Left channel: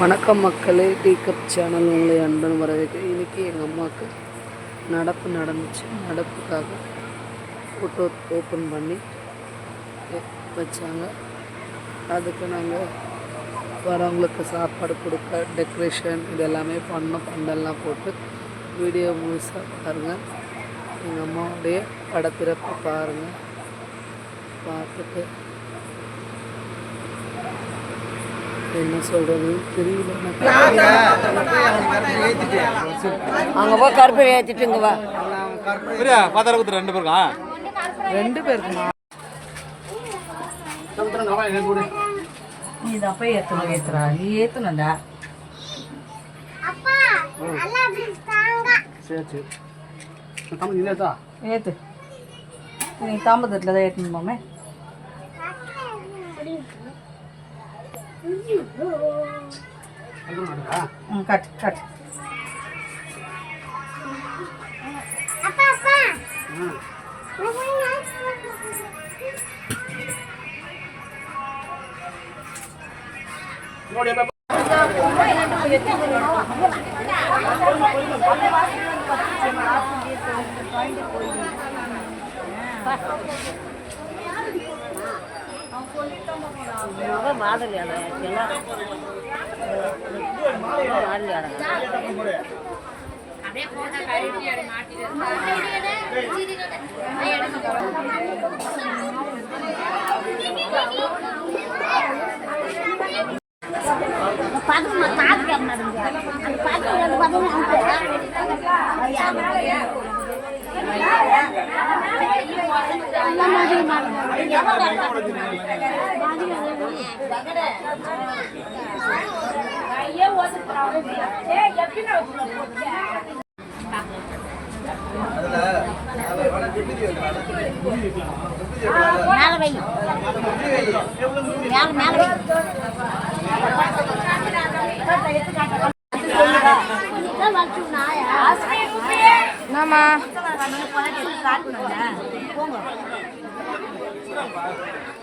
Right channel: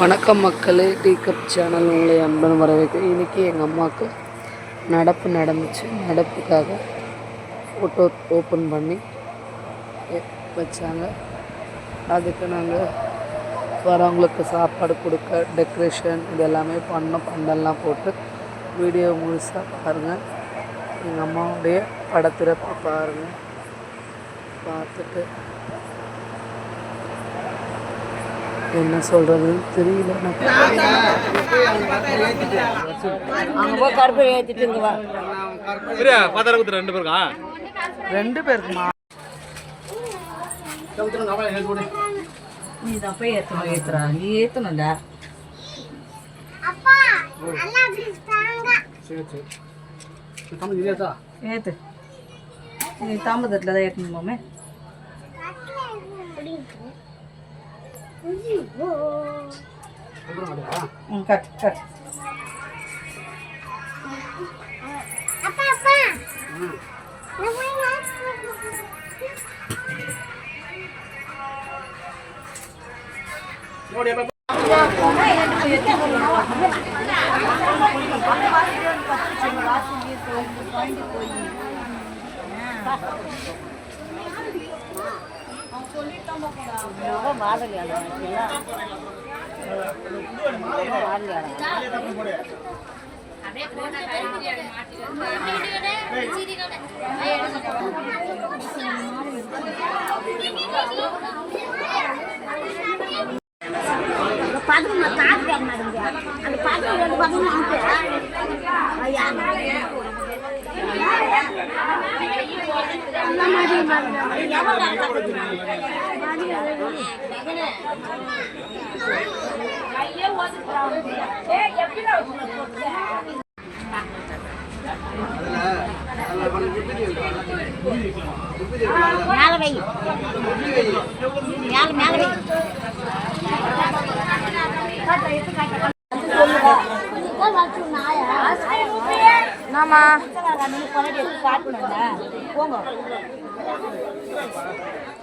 வணக்கம் மக்களே, tea cup channel உங்களை அன்பன் வரவேற்கிறேன். இன்றைக்கி எங்கள் அம்மாவுக்கு நடப்பு நடந்துச்சு. நடப்புக்காக ஃபோட்டோ ஓப்பன் பண்ணி வச்சாங்க. அதுக்கு நாங்கள் வரவங்களுக்கு சாப்பாடு கொடுக்க டெக்கரேஷன் இது எல்லாமே பண்ணோம். பந்தல்லாம் போட்டு வீடியோ முழுசாக பாருங்கள். எங்கள் அம்மாவுடைய படத்திறப்பு பாருங்கள். பார்த்துட்டு என்ன சொல்கிறதுன்னு தெரியல எனக்கு. அங்கே போய் கருப்பை ஏற்றிட்டுங்க வா. ரெண்டு பேருக்குமா? நீ தான் போய் ஏற்றுறா. நீ ஏற்றணும்டா. ஏற்று. நீ தாம்பத்தட்டில் தான் ஏற்றணுமாமே. Cut cut.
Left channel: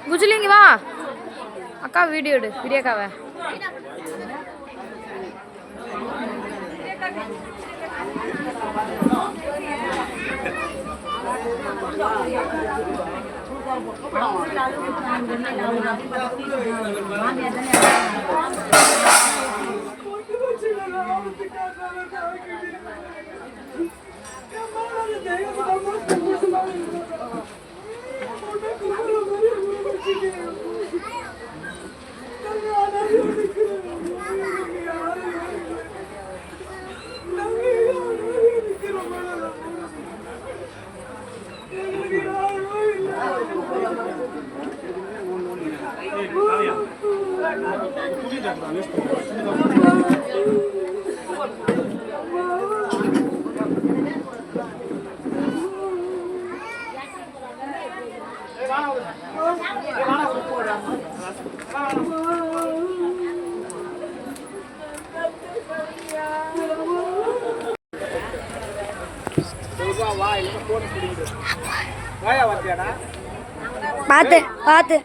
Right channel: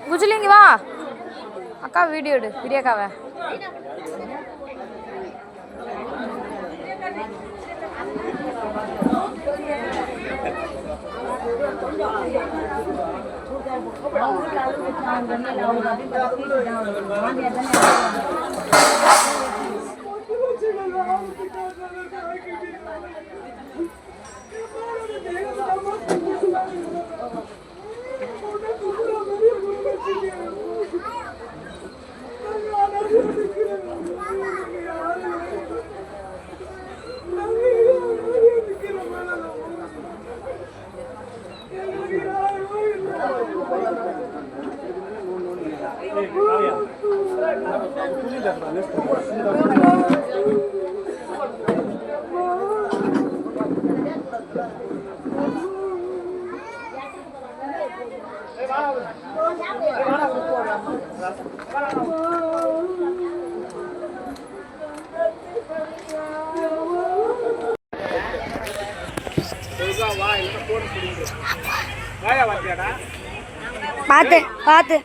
குஜிலிங்க வா அக்கா, வீடியோ எடு. வீடியோக்காவை பார்த்து பார்த்து